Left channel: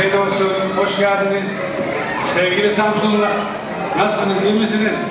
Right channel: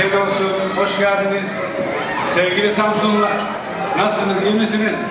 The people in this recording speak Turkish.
afiyet olsun. Hoş geldiniz. Sevgili Samsunlular, nasılsınız, iyi misiniz?